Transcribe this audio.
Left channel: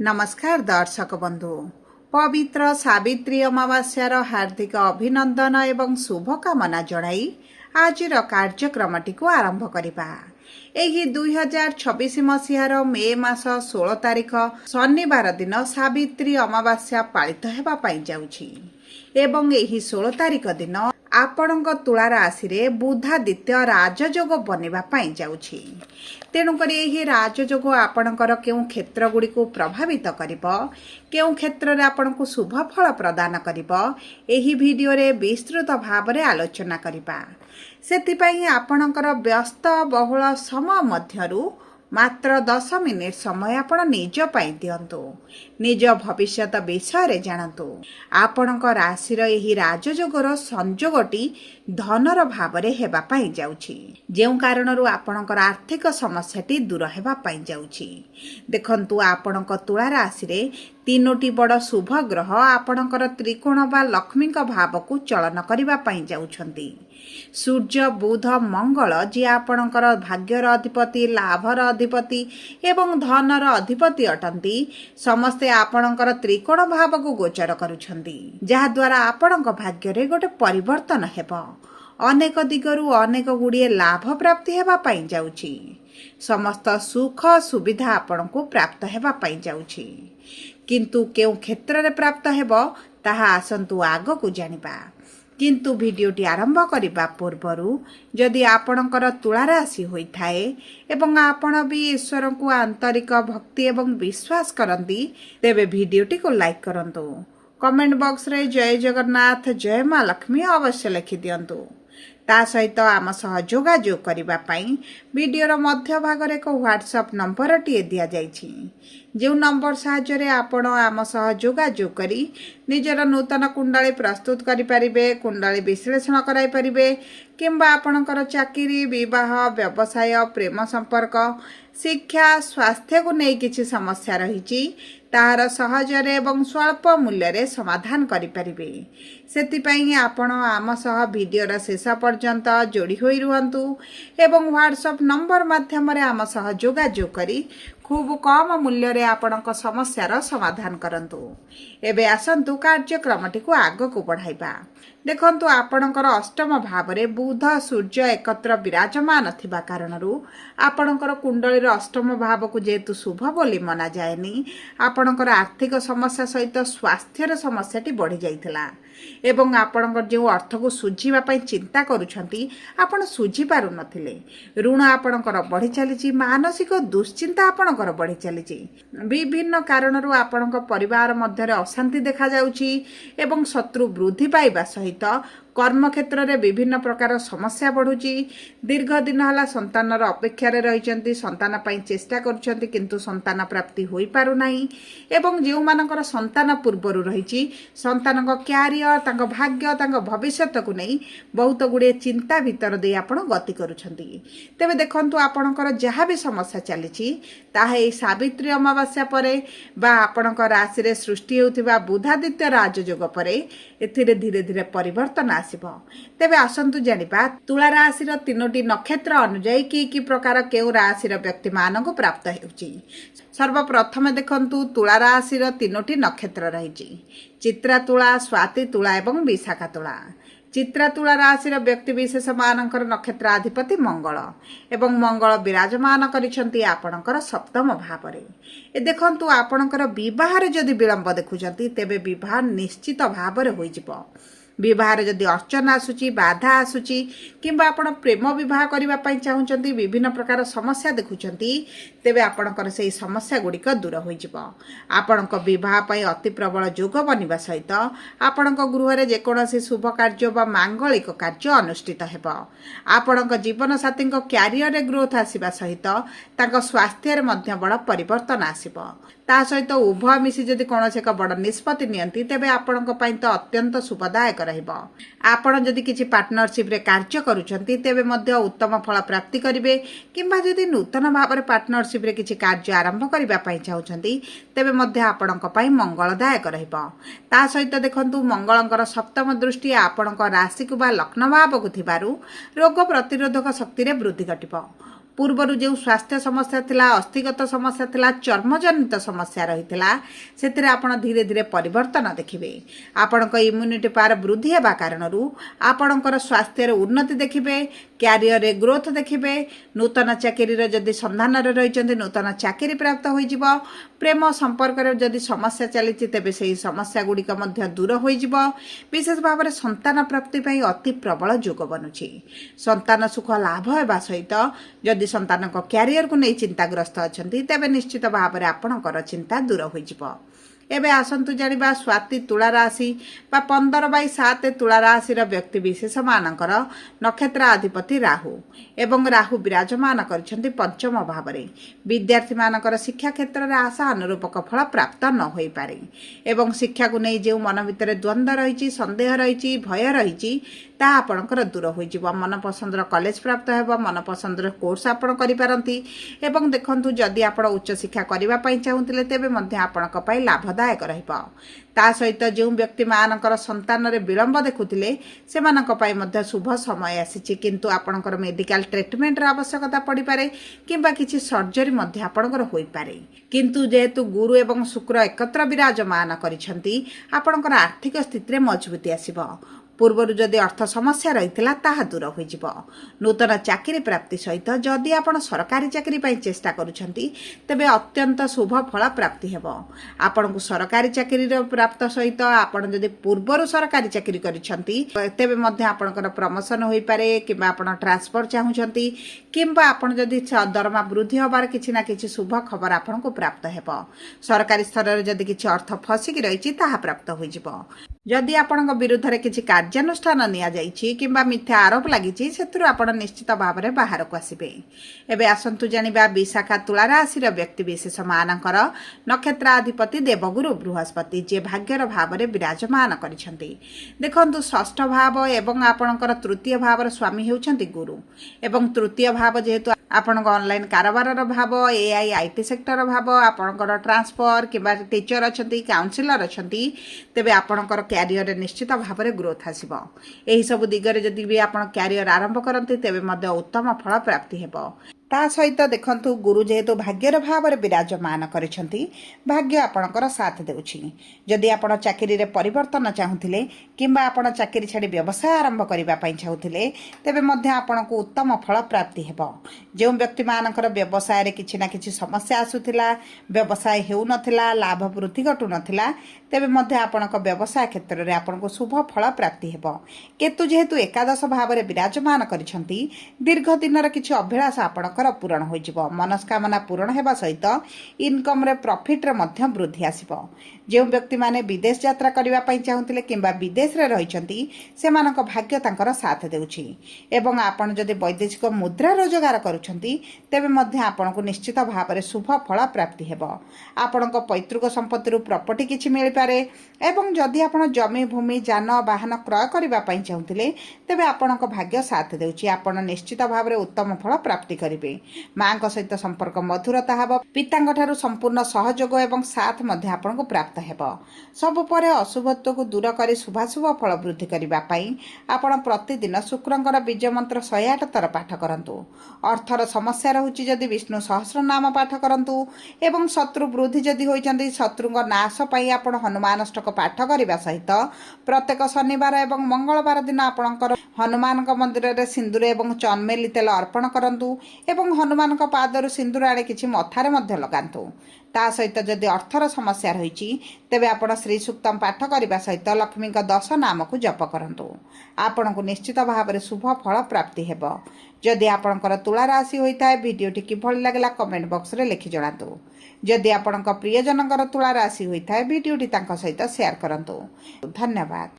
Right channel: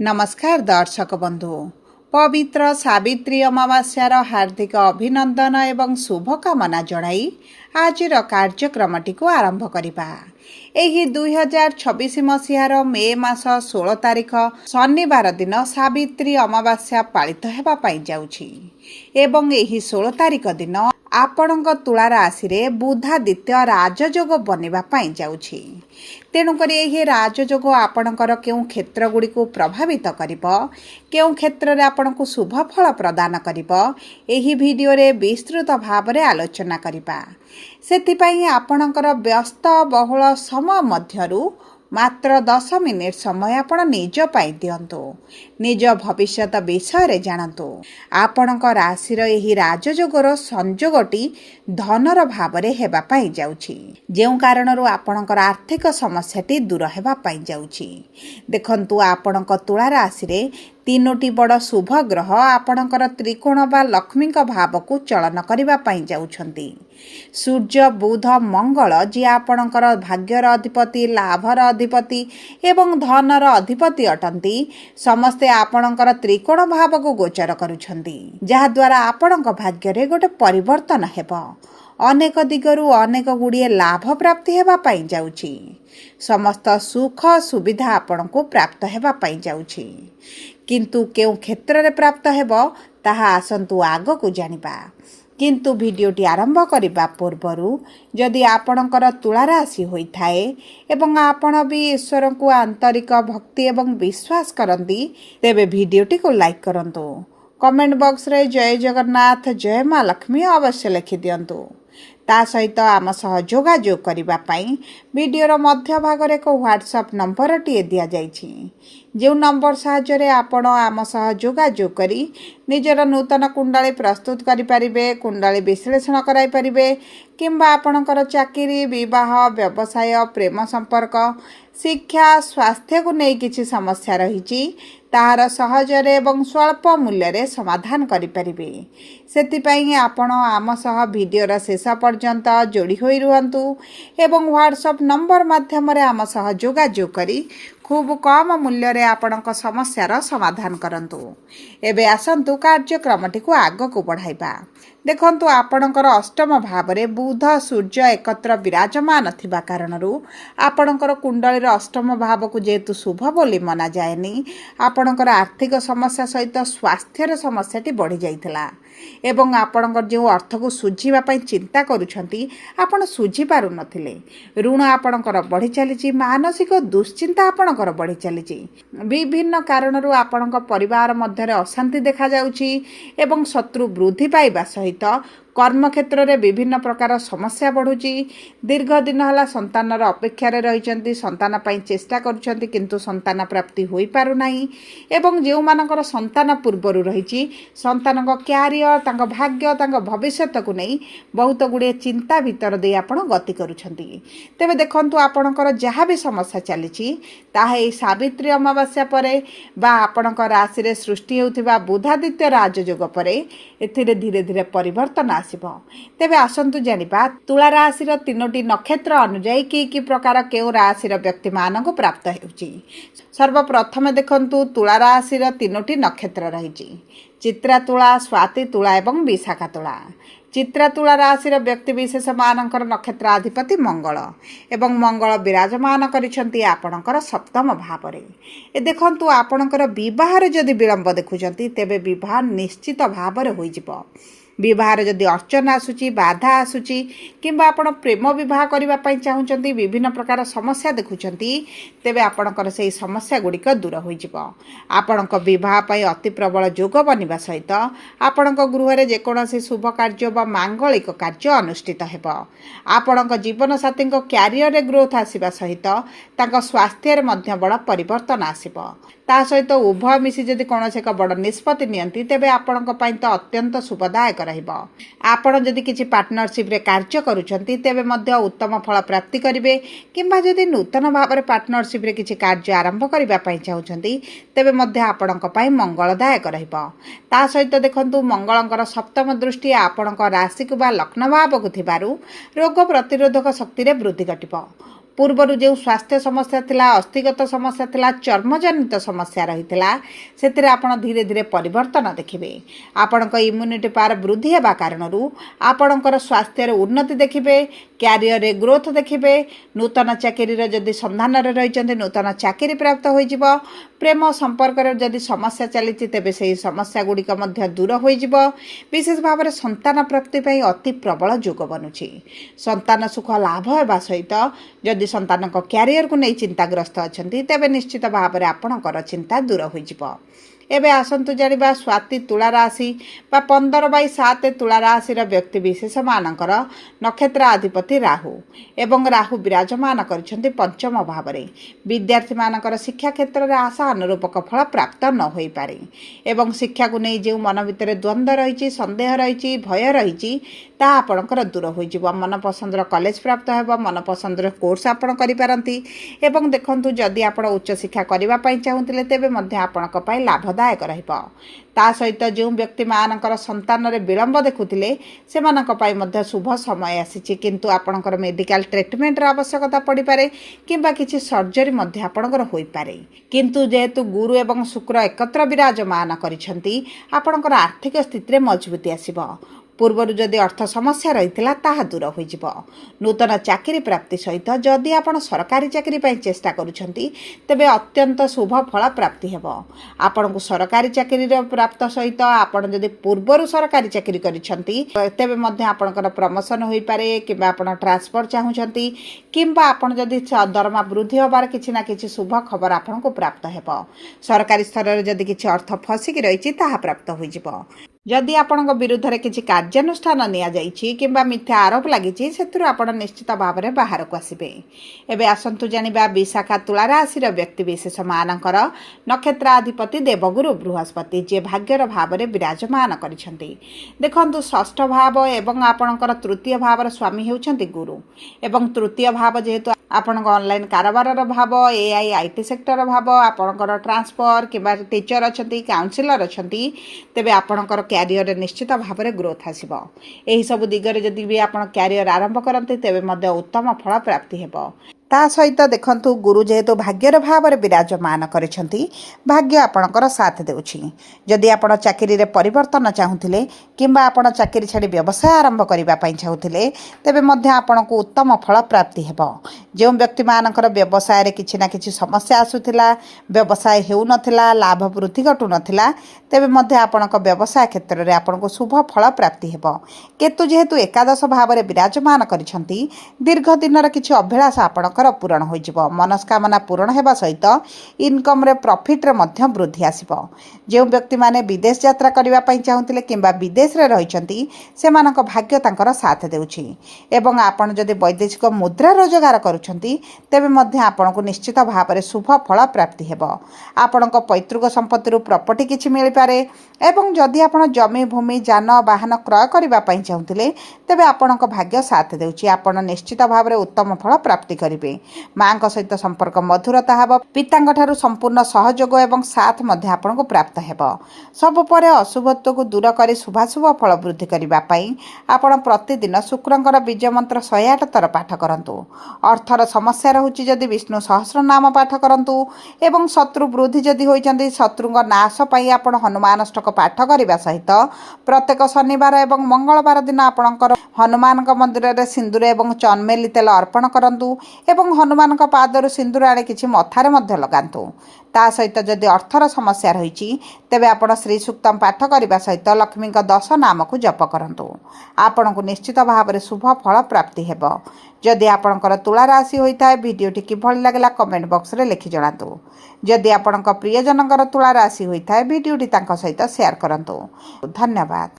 नमस्कार दर्शक बंधु पवित्र सावित्री अमावास्यार हार्दिक अभिनंदन एवं शुभकामना जणाई आजिर कार्यक्रमटी को आरंभ करिबा। एही 2026 मसीहार मे मास 16 तारिख शनिवार दिन सावित्री अमावास्या पालित हेबा पाई जाउछि एवं एही 16 तारिख दिन आपणक तुला राशि रे बुधादित्य राजयोग बनिबा पाई जाउछि। तेणुकर यह राजयोग आपणकर केउं क्षेत्र गुड़ी को प्रभावित करिबो, केउं क्षेत्र रे आपणको शुभ फल प्रदान करिबो, एही भिडियो रे विस्तृत भाव रे आलोचना करिबा। सेतिपई आपणकर व्यस्त बहुल समय मध्यरु मात्र 10 मिनिट समय आपण निज पाई दियंतु, निज भविष्यत विषय रे जानतु। आपणक राशि एही राजयोगर संजोगटी धनर भाव रे हेबा पाई जाउछि, जेउ कारणरु आपणकर आर्थिक समस्याटी दूर हेबा पाई जाउछि। देखंतु आपणक तुला राशि रे तीनोटी बड़ शुभ ग्रह आपणकर त्रिकोण बा लक्ष्मी भाव को चलन करिबा पाई जाउछंती। सूर्य बुध मंगल जी आपणकर भाग्यर अधिपति, लाभर अधिपति एवं धनर अधिपति अटंती, समस्ते आपणकर त्रिकोण भाव को गोचर करुछंती, जहा द्वारा आपणक भाग्य रे गोटे परिवर्तन हेबो। अनेक दिगरु अनेक गुड़िए लाभ प्राप्ति हेबा पाई जाउछि। समस्त सुख सुविधा आपणको प्राप्त हेबा पाई जाउछि, किंतु केउ क्षेत्र रे प्राप्त हेबो ताहा आसंतु आगो को जानिबा। किंतु भिडियोटी आरंभ करिबा पूर्वरु जदि आपणकर तुला राशि होइथाए एवं आपण भी ईश्वर को आंतरिक भक्ति एवं विश्वास करंती, तेबे भिडियोटी को लाइक करंतु। कमेंट बॉक्स रे जय जगन्नाथ जय मां लक्ष्मी अवश्य लिखि दियंतु। ता सहित आम सह जोगाजोग करिबा पई वीडियोर मध्य भाग रे को व्हाट्सएप नंबर टी दिया जाइछि, जो नंबर साहाय्य रे आपण आम सह जोगाजोग करी निजर नूतन कुंडली प्रस्तुत करि परिबे, कुंडली विश्लेषण कराई परिबे, किंबा आपणकर चाकरी, विवाह, व्यवसाय, प्रेम संपर्क, शिक्षा, स्वास्थ्य को नै किछि समस्या रहिछि ताहार सहजरे एवं स्वल्प मूल्य रे समाधान करि परिबे। सेतिपई आपण आम सह वीडियोर शेष पर्यंत जोड़ी होई रुहंतु एवं व्हाट्सएप नंबर माध्यम रे आम सह जोगाजोग करी खूब कम मूल्य रे आपणक समस्यार समाधान करंतु। एबे आसंतु कार्यक्रमटी को आग को बढ़ाइबा। देखंतु आपणकर अष्टम भाव रे बुध सूर्य एकत्र विराजमान थिबा कारणरु आपणकर कुंडलीर अष्टम भाव को जेतु शुभ बोली मना जाएनी, आपणकर आर्थिक समस्या सहित स्वास्थ्यर समस्याटी बढ़ी जाइथिला एवं आपणकर जो अर्थ को सुझीबा पई चिंता करूछंती आपण सुझी पारु नथिले। ऋण आपणकर बढ़ी चलीची, मानसिक दुश्चिंता आपणकर बढ़ी चलीची। विभिन्न कारणरु आपणक परिवार मध्य रे अशांति देखा जाउची एवं शत्रु वृद्धि पाइबा सहित कर्म क्षेत्र में विभिन्न प्रकार समस्या बढ़ुची। दीर्घ दिन हला संतानर अपेक्षा रे रहिचंती, संतान पई चेष्टा करूचंती किंतु संतान प्राप्ति होई पारु नाही एवं जेउ मानकर संतान पूर्वरु रहिची संतानक क्यारियर, तांको भाग्य, तांको भविष्यत को नै बहुत गुडे चिंता भीतर दे आपण गति करूचंती। तेबे देखंतु आपणकर जहा भी समस्या चलीची ताहा एई सावित्री अमावास्या परे बा आपणक राशि रे सृष्टि हेउथिबा बुधादित्य राजयोग परे एथिरे धीरे धीरे परिवर्तन आसिबो। तेबे आसंतु जानिबा तुला राशिर तीनोटी नक्षत्र अनुଯାयी कि प्रकार केउ राशिर व्यक्ति मानक प्राप्त हेउची। सर्वप्रथम देखंतु तुला राशिर तीनोटी नक्षत्र रहिची, चित्रा तुला, स्वाति तुला एवं विशाखा तुला। चित्रा तुला राशिर व्यक्ति विशेष मानकर नक्षत्राधिपति मंगल एवं मंगल विराजमान करिसंती आपणकर सप्तम भाव रे। ए देखंतु आपणकर विवाह रे जदि विलंब देखुचंती तेबे विवाह निश्चित भाव रे होई जिवो। विवाह रे जदि अर्चना आसुची, बाधा आसुची किंबा आपण प्रेम विवाह करबा पई चाहुचंती, विभिन्न प्रकार समस्या देखुचंती, तेबे आपणकर सेही समस्या गुड़िक दूर होई जिवो। आपणक विवाह पई अति प्रबल योग बनिबा सहित आपणक गृह रे जेकोनोसी शुभ कार्य बा मांगलिक कार्य अनुष्ठित हेबो। आपणक जीवन साथीक क्यारियर रे ग्रोथ आसीबा सहित तांको स्वास्थ्य रे मध्य बड़ परिवर्तन आसीबो। ता सहित उभय मिसी जदि कौनसी एक बड़ निष्पत्ति नियंती तेबे आपणक पई तो अत्यंत शुभदायक रहिबो। आपण जदि किछि पार्टनरशिप रे कार्य करूछंती तेबे मध्य उत्तम फल प्राप्ति करिवे, किंबा जदि नूतन भाव रे पार्टनरशिप रे किछि कार्य आरंभ करिबा पई चाहुछंती तेबे मध्य आपणक पई मंगलदायक रहिबो। ता सहित देखंतु मंगलंकर सप्तम दृष्टि आपणक राशि को बा लग्न भाव को थिबारु रोग प्रतिरोधक शक्ति रे वृद्धि घटिबो। ପୂର୍ବରୁ ଯେଉଁ ସ୍ୱାସ୍ଥ୍ୟ ସମସ୍ୟା ଥିଲା, ଅସ୍ଥିଗତ ସମସ୍ୟା ଥିଲା, ଚର୍ମଜନିତ ସମସ୍ୟା ରହିଥିଲା, ସେଥିରେ ଆପଣ ଧୀରେ ଧୀରେ ପରିବର୍ତ୍ତନ ଦେଖିବେ। ଆପଣଙ୍କ ଇମ୍ୟୁନିଟି ପାୱାର ବୃଦ୍ଧି ହେବା କାରଣରୁ ଆପଣଙ୍କର ସ୍ୱାସ୍ଥ୍ୟରେ ଉନ୍ନତି ଦେଖିବେ, କ୍ୟାରିୟରରେ ଗ୍ରୋଥ ଦେଖିବେ। ନୂତନ ଚାକିରିର ଯଦି ସନ୍ଧାନରେ ରହିଛନ୍ତି, ନୂତନ ଚାକିରି ପ୍ରାପ୍ତ ହୋଇଯିବ। ପ୍ରେମ ସମ୍ପର୍କରେ ଯଦି ସମସ୍ୟା ଚାଲିଛି, ତେବେ ସେହି ସମସ୍ୟା ଗୁଡ଼ିକ ମଧ୍ୟ ଦୂର ହୋଇଯିବ। ବିଶେଷ ଭାବରେ ସନ୍ତାନ ପ୍ରାପ୍ତି ପାଇଁ ଅତି ପ୍ରବଳ ଯୋଗ ବନୁଛି। ସନ୍ତାନ ସୁଖ ଲାଭ ହେବା ସହିତ ଯଦି ସନ୍ତାନଙ୍କ କ୍ୟାରିୟରକୁ ନେଇ ଚିନ୍ତାଗ୍ରସ୍ତ ଅଛନ୍ତି, ତେବେ ନିଶ୍ଚିତ ଭାବରେ ଆପଣଙ୍କର ଚିନ୍ତା ଦୂର ହୋଇଯିବ। ଏବେ ଆସନ୍ତୁ ଜାଣିବା ସ୍ୱାତି ତୁଳା ରାଶି ବା 15/7 ତୁଳା ରାଶିର ବ୍ୟକ୍ତିବିଶେଷମାନଙ୍କର ନକ୍ଷତ୍ର ଅଧିପତି ରାହୁ ଏବଂ ରାହୁ ବିରାଜମାନ କରିଛନ୍ତି ପଞ୍ଚମ ଭାବରେ। ବିଦ୍ୟାର୍ଥୀମାନଙ୍କର ଶିକ୍ଷା କ୍ଷେତ୍ରରେ ଆଶା ଅନୁରୂପକ ଫଳ ପ୍ରାପ୍ତ ନ ହୋଇପାରେ ଏବଂ ଶିକ୍ଷାକୁ ନେଇ ଯେଉଁ ମନ ଭିତରେ ଦ୍ୱନ୍ଦ୍ୱ ରହିଛି, ସନ୍ଦେହ ରହିଛି, ଭୟ ରହିଛି, ତାହା ଆପଣଙ୍କର ଦୂର ହୋଇଯିବ। ମନପସନ୍ଦର କଲେଜ ପ୍ରାପ୍ତ ହେବ, ମନପସନ୍ଦର କୋର୍ସ ଆପଣ କରିପାରନ୍ତି ଏବଂ ଦେଖନ୍ତୁ ଯଦି ଆପଣ ଉଚ୍ଚଶିକ୍ଷା କରିବା ପାଇଁ ଚାହୁଁଥିଲେ, ତେବେ ମଧ୍ୟ ଆପଣଙ୍କ ପାଇଁ ଲାଭଦାୟକ ରହିବ। ତା ସହିତ ଯେଉଁ ବ୍ୟକ୍ତିମାନଙ୍କର ସନ୍ତାନରେ ବିଳମ୍ବ ଦେଖୁଥିଲେ, ସେମାନଙ୍କ ପାଇଁ ମଧ୍ୟ ଶୁଭ ସମୟ ଆସିଛି, କିନ୍ତୁ ଆପଣଙ୍କର ମେଡିକାଲ ଟ୍ରିଟମେଣ୍ଟର ଆବଶ୍ୟକତା ପଡ଼ିପାରେ କିମ୍ବା କିଛି ସର୍ଜରୀ ମଧ୍ୟ ଆପଣଙ୍କର ହୋଇପାରେ। କିନ୍ତୁ ଯେହେତୁ ଗୁରୁ ଏବଂ ଶୁକ୍ର ଏକତ୍ର ବିରାଜମାନ କରିଛନ୍ତି, ଆପଣଙ୍କର ଆର୍ଥିକ ସ୍ଥିତିରେ ମଜବୁତି ଆସିବ। ପୂର୍ବରୁ ଯଦି ଅର୍ଥ ସମସ୍ୟା ରହିଥିଲା, ତାହା ଦୂର ହୋଇଯିବ। ନୂତନ ଚାକିରି ପ୍ରାପ୍ତି ସହିତ ଯଦି ଆପଣ ସରକାରୀ ଚାକିରି ପାଇଁ ଚେଷ୍ଟା କରୁଛନ୍ତି, ତେବେ ଅତ୍ୟନ୍ତ ଶୁଭ ଫଳ ପ୍ରାପ୍ତି ହେବ। ଆପଣଙ୍କୁ ସରକାରୀ ଚାକିରିର ପ୍ରାପ୍ତ ସହିତ ଆପଣ ଯଦି ପୂର୍ବରୁ ସରକାରୀ ଚାକିରି କରିଛନ୍ତି, ତେବେ ମଧ୍ୟ ଆପଣଙ୍କର ପ୍ରମୋସନ ହୋଇପାରେ କିମ୍ବା ଆପଣ ଟ୍ରାନ୍ସଫର ଚାହୁଁଛନ୍ତି କିମ୍ବା ଆପଣ ଯଦି ଦରମା ବୃଦ୍ଧି ହେବାର କିଛି ନା କିଛି ଶୁଭ ଖବର ଆପଣଙ୍କୁ ପ୍ରାପ୍ତ ହେବ। ସରକାରୀ ସ୍ତରରେ ଯଦି କିଛି ଅର୍ଥ ଫସିକି ରହିଛି, ତାହା ପ୍ରାପ୍ତ ହୋଇଯିବ। ଯଦି ଆପଣଙ୍କ ବିରୁଦ୍ଧରେ କିଛି କାର୍ଯ୍ୟାନୁଷ୍ଠାନ ନିଆଯାଇଛି କିମ୍ବା ମିଥ୍ୟା ଆରୋପ ଲାଗିଛି, ସେଥିରୁ ଆପଣ ନିଶ୍ଚିତ ଭାବରେ ବାହାରକୁ ଆସିବେ। ଏବେ ଆସନ୍ତୁ ଜାଣିବା ବିଶାଖା ତୁଳା ରାଶିର ବ୍ୟକ୍ତିବିଶେଷମାନଙ୍କର ନକ୍ଷତ୍ରାଧିପତି ଦେବଗୁରୁ ବୃହସ୍ପତି, ଯିଏ ଭାଗ୍ୟର ଭାବରେ ବିରାଜମାନ କରିଛନ୍ତି। ଦେଖନ୍ତୁ ଷଷ୍ଠ ଭାବ ଏବଂ ଆପଣଙ୍କର ତୃତୀୟ ଭାବର ସ୍ୱାମୀ ହେଉଛନ୍ତି ଗୁରୁ ଏବଂ ତୃତୀୟ ଭାବ ଯେହେତୁ ଆପଣଙ୍କ ଅନଲାଇନ୍ କାରବାରର ଭାବ, AI/IT ସେକ୍ଟର ଭାବ, ଆପଣଙ୍କର ଟ୍ରାନ୍ସଫର କିମ୍ବା ଟିଚର ଅଛନ୍ତି, କାଉନସିଲର ଅଛନ୍ତି, ତେବେ ଆପଣଙ୍କର କ୍ୟାରିୟରରେ ନିଶ୍ଚିତ ଭାବରେ ଗ୍ରୋଥ ଆସିବ। ଏହିସବୁ ଦିଗରେ ଯଦି ବି ଆପଣ କ୍ୟାରିୟର ଆରମ୍ଭ କରନ୍ତି, ତେବେ ମଧ୍ୟ ଉତ୍ତମ ଫଳ ପ୍ରାପ୍ତି ହେବ। ତା ସହିତ ଦେଖନ୍ତୁ ଗୁରୁ ଯେହେତୁ ଭାଗ୍ୟର ଭାବରେ ବିରାଜମାନ କରିଛନ୍ତି, ଭାଗ୍ୟ ଆପଣଙ୍କର ସାଥ ଦେଉଛି। ଯଦି ଆପଣ ଚାକିରିରେ ପରିବର୍ତ୍ତନ ଚାହୁଁଥିଲେ କିମ୍ବା ଆପଣ ଚାକିରି ଛାଡ଼ି ବ୍ୟବସାୟ ଆରମ୍ଭ କରିବା ପାଇଁ ଚାହୁଁଥିଲେ, ତେବେ ମଧ୍ୟ ଆପଣଙ୍କୁ ଉତ୍ତମ ଫଳ ପ୍ରାପ୍ତି ହେବ। ଯେଉଁ ବ୍ୟକ୍ତିମାନଙ୍କର ବ୍ୟବସାୟରେ କିଛି ନା କିଛି ସମସ୍ୟା ଆସୁଥିଲା, ବ୍ୟବସାୟ ହେଉନଥିଲା, ଲାଭ ବୃଦ୍ଧି ଘଟୁନଥିଲା, ତେବେ ମଧ୍ୟ ଆପଣଙ୍କ ବ୍ୟବସାୟ କ୍ଷେତ୍ରରେ ଆପଣଙ୍କୁ ଶୁଭ ଫଳ ପ୍ରାପ୍ତି ହେବ। କେତୁ ଯେହେତୁ ଏକାଦଶ ଭାବରେ ବିରାଜମାନ କରିଛନ୍ତି, ଦୀର୍ଘ ଦିନର କିଛି ଅଭିଳାଷ ଆପଣଙ୍କର ପୂରଣ ହୋଇଯିବ। ମନସ୍କାମନା ପୂରଣ ହେବା ସହିତ ଇନକମ୍ରେ ପ୍ରଫିଟ୍ରେ ମଧ୍ୟ ବୃଦ୍ଧି ଆସିବ। ଯେଉଁ ବ୍ୟକ୍ତିମାନେ ବିଦେଶ ଯାତ୍ରା କରିବା ପାଇଁ ଚାହୁଁଥିଲେ କିମ୍ବା ବିଦେଶରେ ରହିଛନ୍ତି, ସେମାନଙ୍କ ଭାଗ୍ୟ ତାଙ୍କର ସାଥ ଦେଉଛି ଏବଂ ଆପଣ ଯଦି ବୈଦେଶିକ ମୁଦ୍ରା ରୋଜଗାର କରୁଛନ୍ତି, ତେବେ ମଧ୍ୟ ଆପଣଙ୍କୁ ନିଶ୍ଚିତ ଭାବରେ ଶୁଭ ଫଳ ପ୍ରାପ୍ତି ହେବ। ଆପଣଙ୍କ ପୈତୃକ ସମ୍ପତ୍ତିରୁ ପ୍ରପର୍ଟି କିଛି ମିଳିପାରେ ଏବଂ ଯଦି ଆପଣ ଜମି, ଭୂମି, ଯାନ, ବାହନ କ୍ରୟ କରିବା ପାଇଁ ଚାହୁଁଥିଲେ, ତେବେ ଆପଣଙ୍କ ଭାଗ୍ୟ ସାଥ ଦେଉଛି। ଆପଣ ନିଶ୍ଚିତ ଭାବରେ ଉତ୍ତମ ଫଳ ପ୍ରାପ୍ତି କରିବେ। ମାଙ୍କ ସହିତ ସମ୍ପର୍କ ମଧୁରତା ହେବ। ପିତାଙ୍କ ଠାରୁ ସମ୍ପୂର୍ଣ୍ଣ ସହଯୋଗ ଏବଂ ସାଥ ମଧ୍ୟ ଆପଣଙ୍କୁ ପ୍ରାପ୍ତ ହେବ। ସବୁ ପରେ ଅଶୁଭତ୍ୱକୁ ଦୂର କରି ଶୁଭାଶୁଭ ଫଳ ବୃଦ୍ଧି କରିବା ପାଇଁ ଆପଣ ପ୍ରତିଦିନ ଶୁକ୍ରଙ୍କର ବୀଜ ମନ୍ତ୍ର 108 ଥର ପାଠ କରନ୍ତୁ। ଅର୍ଥର ସମସ୍ୟା ରହୁଛି ଯଦି ବିଷ୍ଣୁ ସହସ୍ରନାମ ପାଠ କରନ୍ତୁ ଏବଂ ଶତ୍ରୁ ବୃଦ୍ଧି ଯଦି ହୋଇଛନ୍ତି, ଶତ୍ରୁଙ୍କ ନାଶ ପାଇଁ ଆପଣ ହନୁମାନଷ୍ଟକ ପାଠ କରିବା ସହିତ ପ୍ରତ୍ୟେକ ଶନିବାର ଏବଂ ମଙ୍ଗଳବାର ଦିନ ଆପଣଙ୍କର ହନୁମାନଙ୍କ ମନ୍ଦିରରେ ସିନ୍ଦୁର ଏବଂ ଚନ୍ମେଲି ତେଲ ଅର୍ପଣ କରନ୍ତୁ ଏବଂ ହନୁମାନଙ୍କ ପାଦରୁ ସିନ୍ଦୁର ଆଣି କିଛି ମଥାରେ ମଧ୍ୟ ଲଗାନ୍ତୁ। ତା ସହିତ ଯଦି ଅର୍ଥର ସମସ୍ୟା ରହିଛି, ତେବେ ଆପଣ ଶ୍ରୀ ସୂକ୍ତମ ପାଠ କରିବା ସହିତ ଲକ୍ଷ୍ମୀଙ୍କ 10 ନାମକୁ ଜପ କରନ୍ତୁ। ଆପଣଙ୍କୁ ନିଶ୍ଚିତ ଭାବରେ ଶୁଭ ଫଳ ପ୍ରାପ୍ତି ହେବ। ଯଦି ଆପଣଙ୍କର ତୁଳା ରାଶି ହୋଇଥାଏ, ଭିଡ଼ିଓଟି କିଭଳି ଲାଗିଲା କମେଣ୍ଟ ବକ୍ସରେ ଲେଖି ଜଣାନ୍ତୁ। ଯଦି ଆପଣଙ୍କ ପ୍ରିୟଜନଙ୍କର ତୁଳା ରାଶି ହୋଇଥାଏ, ଭିଡ଼ିଓଟି ତାଙ୍କ ସହିତ ସେୟାର କରନ୍ତୁ। ଧନ୍ୟବାଦ।